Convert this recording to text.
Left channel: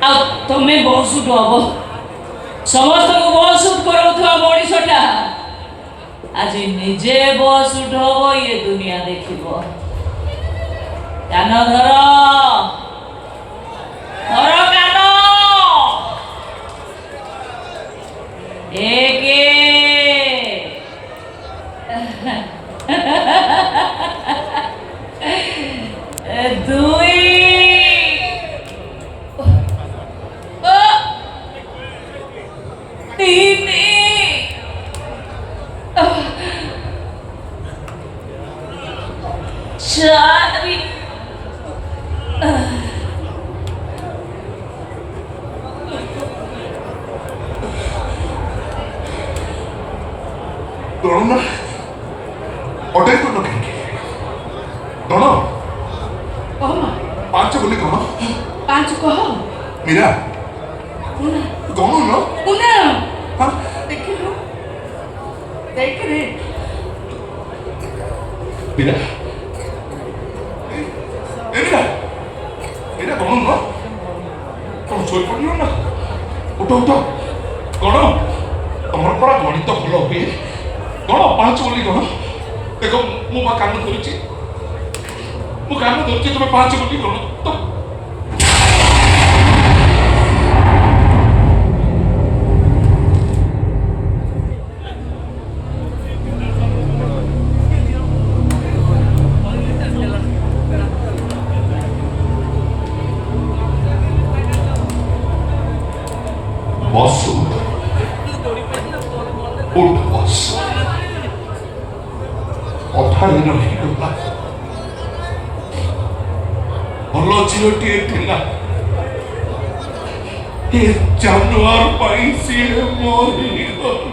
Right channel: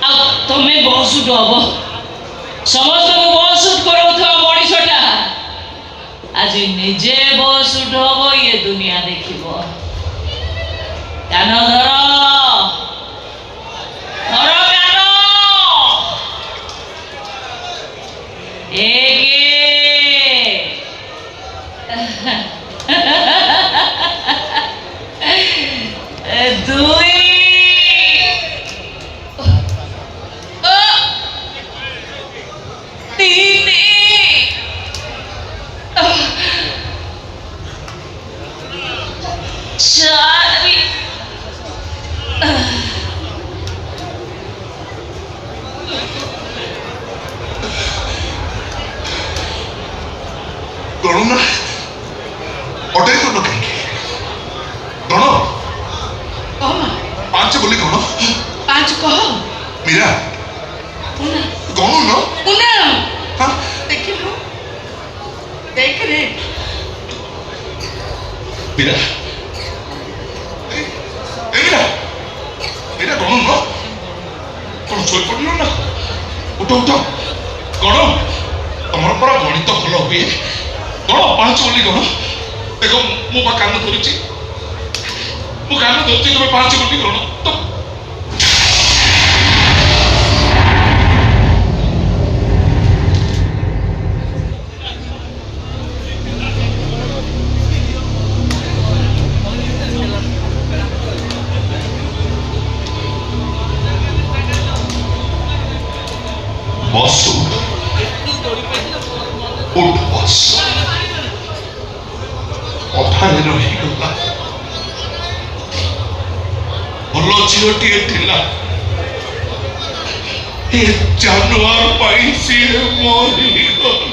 तुम्हें बस उठ हम समस्त को बस उठ कर मनीषटा आज निजे बस उठ हम ये दुनिया देख कान धर धर कान एक दुई तीन चार गण ना अटै गण कहीं गण पांच बोली गण पांच कह मीरा गण न पुनः हाँ देख लो देख रे मीरा मीरा मीरा गण न कौन सोई पड़ल ना उठ उठ गण तुम परा गणित भल हुए गण पांच बोली गण देख मु कान धरी मु कान धरती तुम्हें पांच बोली गण तो बस उठ बस अधारे रहीगला भल झीटे थिला ए जानुआर पाई सी मरीगला